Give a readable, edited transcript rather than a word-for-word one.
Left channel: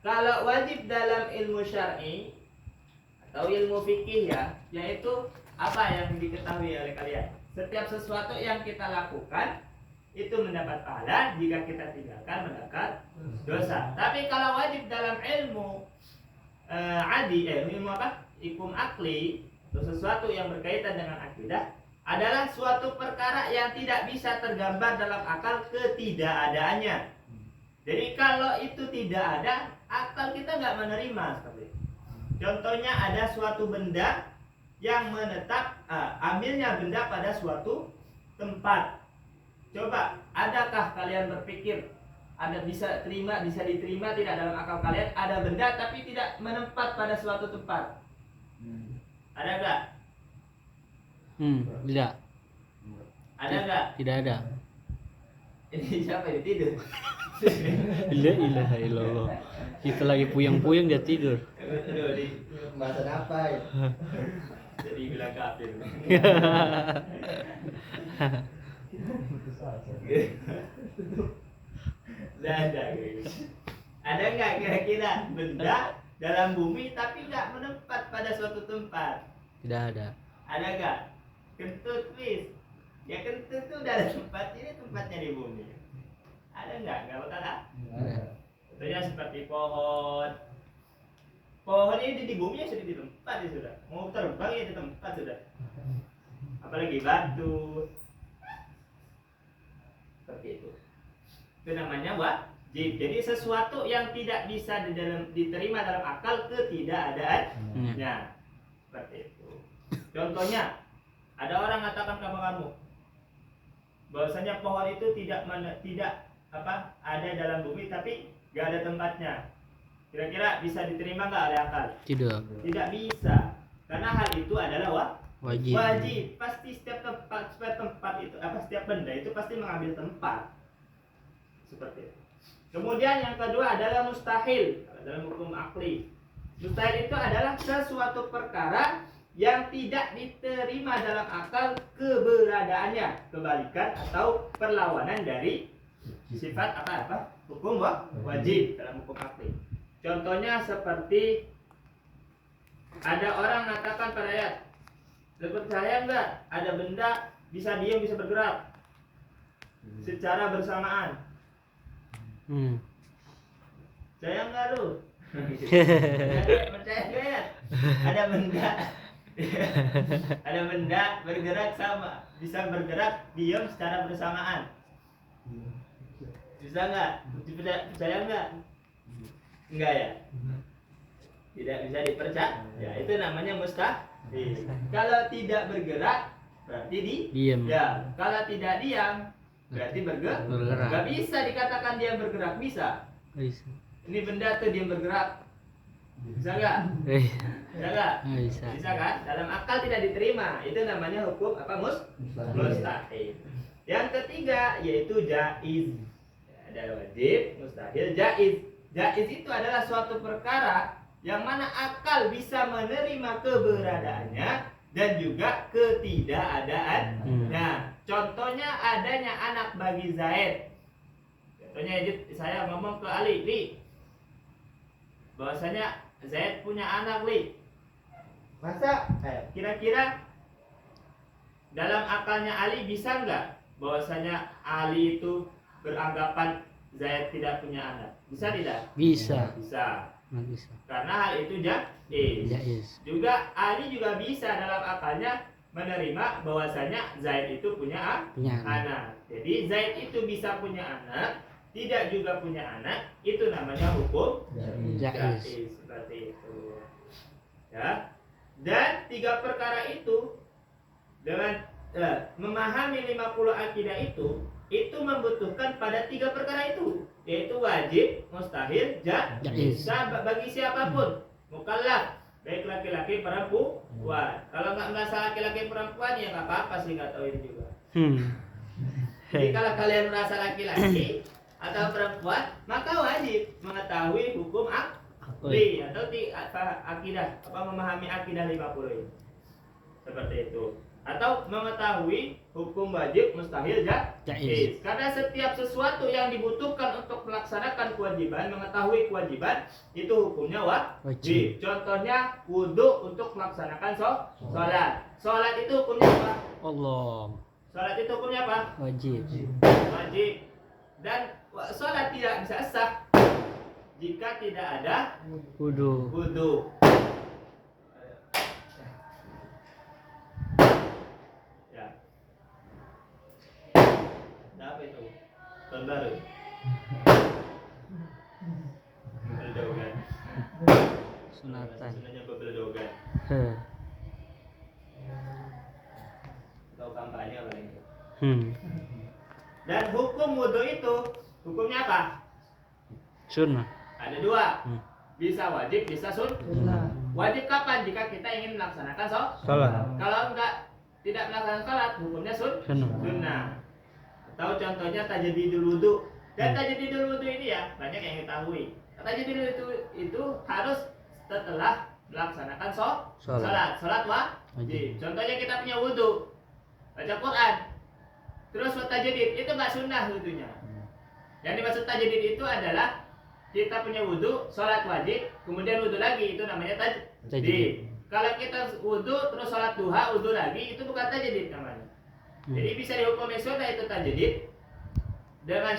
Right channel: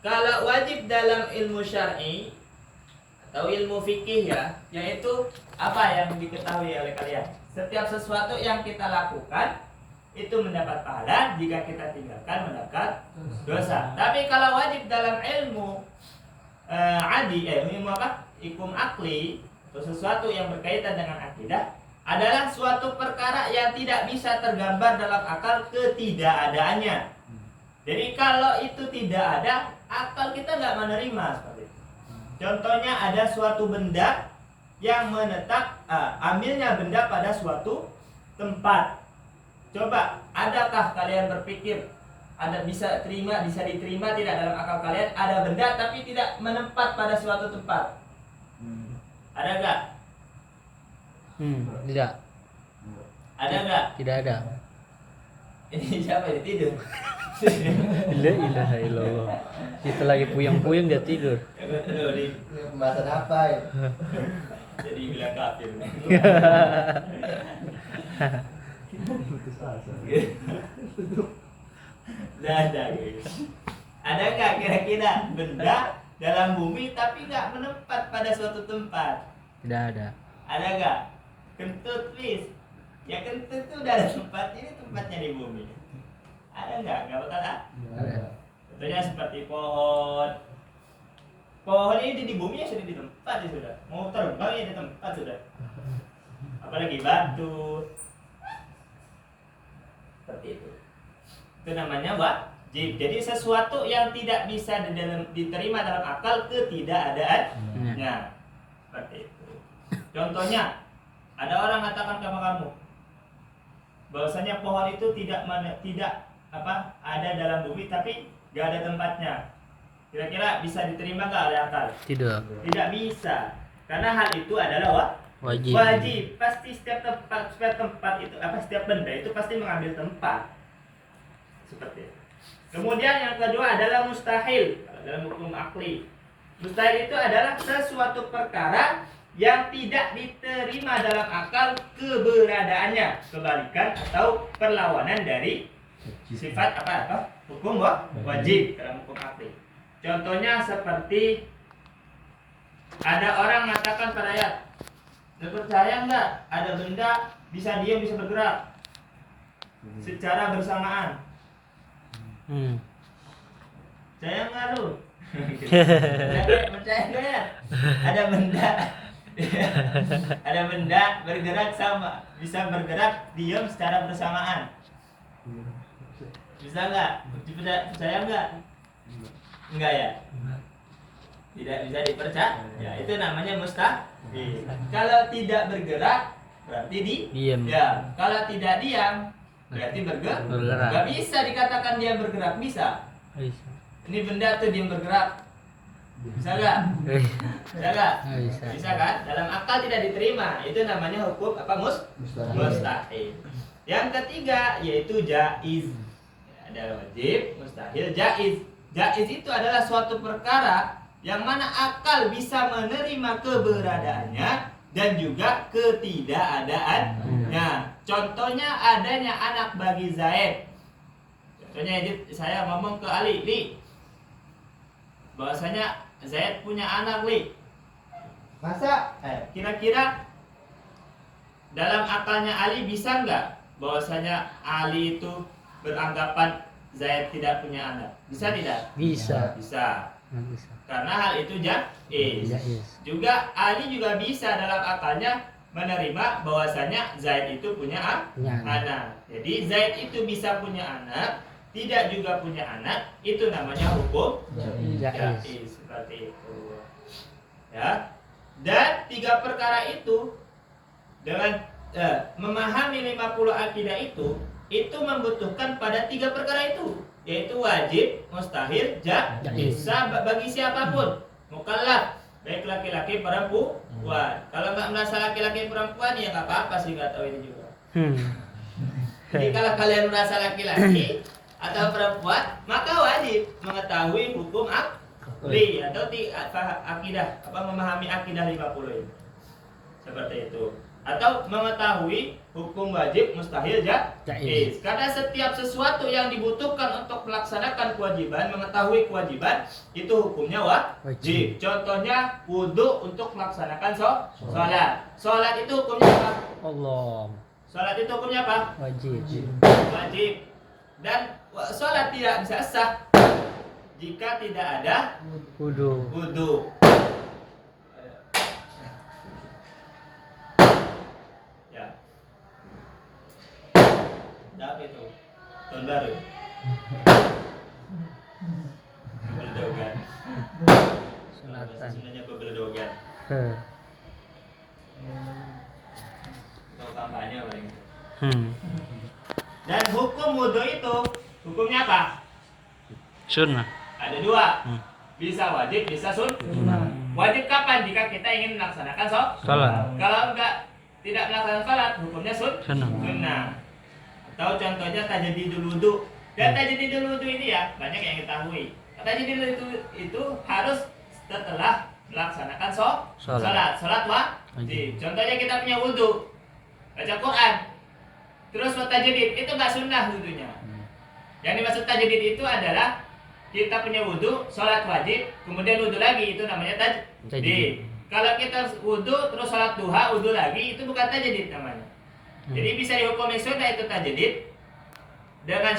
Kalau wajib dalam ilmu syar'i atau ilmu fikih ya, yaitu apa yang diketahui oleh kalian? Setiap sesuatu yang kita lakukan itu mendapat pahala, jika kita tinggalkan mendapat dosa. Tapi kalau wajib dalam ilmu ilmu apa? Hukum akli, atau sesuatu yang berkaitan dengan akidah, adalah suatu perkara yang tidak bisa tergambar dalam akal ketidakadaannya. Jadi kalau itu tidak ada, akal kita nggak menerima seperti itu. Contohnya ada suatu benda yang menetap, ambilnya benda pada suatu tempat. Coba, adakah kalian berpikir ada bisa diterima tidak dalam akal kalian ada benda tapi tidak menempat pada suatu tempat? Ada nggak? Tidak. Ada nggak? Tidak ada. Ini siapa yang tidur? La ilaha illallah. Kita lagi puyeng-puyeng dia tidur. Aduh, di Bahasa apa ya? jadi bilang kafir. Ada nggak kira-kira benda dalam bumi tapi nggak menempat pada suatu tempat? Tidak ada. Ada nggak? Kentut, please. Ya kentut itu udah ada tempatnya, ini tempatnya di bumi. Ada nggak? Nggak bakal ada. Contohnya seperti pohon. Pohon ini di bumi ya sudah di tempat ya sudah. Mau terbang ya di tempat sudah. Apalagi batu. Seperti itu. Itu namanya wajib. Jadi sesuatu yang tidak bisa diterima dalam akal ketidakadaannya. Seperti itu. Contohnya, ada orang mengatakan sama kamu bahwasanya pohon itu tidak ada dalam bumi tapi nggak ada tempatnya. Kira-kira bisa diterima nggak oleh akal? Tidak. Tidak bisa, karena hal itu adalah Wajib. Pasti setiap tempat itu setiap benda itu pasti mengambil tempat. Seperti itu. Kemudian yang kedua adalah mustahil dalam hukum akli. Mustahil itu adalah sesuatu perkara yang tidak diterima dalam akal keberadaannya, kebalikan atau perlawanan dari sifat hukum wajib dalam hukum akli. Contohnya seperti ada orang mengatakan pada ayat, percaya enggak ada benda bisa diam bisa bergerak secara bersamaan? Percaya enggak lu? Percaya enggak ya? Ada benda bergerak bisa bergerak diam secara bersamaan. Bisa enggak? Percaya enggak? Enggak ya? Tidak bisa dipercaya. Ya, itu namanya mustahil. Kalau tidak bergerak berarti diam. Ya, kalau tidak diam berarti bergerak. Enggak bisa dikatakan dia bergerak, bisa. Ini benda tuh diam bergerak. Bisa enggak? Bisa enggak? Bisa kan? Dalam akal tidak diterima. Itu namanya hukum mustahil. Yang ketiga yaitu jaiz. Ada wajib, mustahil, jaiz. Jaiz itu adalah suatu perkara yang mana akal bisa menerima keberadaannya dan juga ketidakadaannya. Contohnya adanya anak bagi Zaid. Contohnya saya ngomong ke Ali, Li, bahwasanya Zaid punya anak, Li. Masa? Kira-kira dalam akalnya Ali bisa nggak bahwasanya Ali itu beranggapan Zaid tidak punya anak? Bisa tidak? Bisa. Bisa. Karena hal itu jaiz. Juga Ali juga bisa dalam akalnya menerima bahwasanya Zaid itu punya anak. Jadi Zaid itu bisa punya anak, tidak juga punya anak, itu namanya hukum jaiz. Seperti itu. Ya. Dan 3 perkara itu dengan memahami 50 akidah itu membutuhkan pada 3 perkara itu, yaitu wajib, mustahil, jaiz. Bagi siapapun, mukallaf, baik laki-laki perempuan. Kalau nggak merasa laki-laki perempuan ya nggak apa-apa sih, nggak tahu ini juga. Jadi kalau kalian merasa laki-laki atau perempuan, maka wajib mengetahui hukum akli atau akidah, memahami akidah 50 ini. Seperti itu. atau mengetahui hukum wajib mustahil jaiz. Karena setiap sesuatu yang dibutuhkan untuk melaksanakan kewajiban, mengetahui kewajiban, itu hukumnya wajib. Contohnya wudhu untuk melaksanakan sholat. Sholat itu hukumnya apa? Allah. Sholat itu hukumnya apa? Wajib. Wajib. Dan sholat tidak bisa sah jika tidak ada wudhu. Apa itu? Tahun baru. Beberdogan. Sunatan. Sunanya beberdogan. Atau kampanye paling. Dan hukum wudhu itu hukumnya apa? Sunnah. Ada dua. Bisa wajib, bisa sunnah. Wajib kapan? Jika kita ingin melaksanakan Salat. Kalau tidak melaksanakan salat, hukumnya sunnah. Atau contohnya tajdidul wudu. Dan tajdidul wudu ini ya banyak yang ketahui. Tajdidul itu harus setelah melaksanakan salat wajib. Contohnya kita punya wudu, baca Quran, terus tajdid, itu nggak sunnah wudunya. Yang dimaksud tajdid itu adalah kita punya wudu, salat wajib, kemudian wudu lagi, itu namanya tajdid. Kalau kita wudu terus salat duha, wudu lagi, itu bukan tajdid namanya. Jadi bisa dihukumi sunnah itu tajdid dengan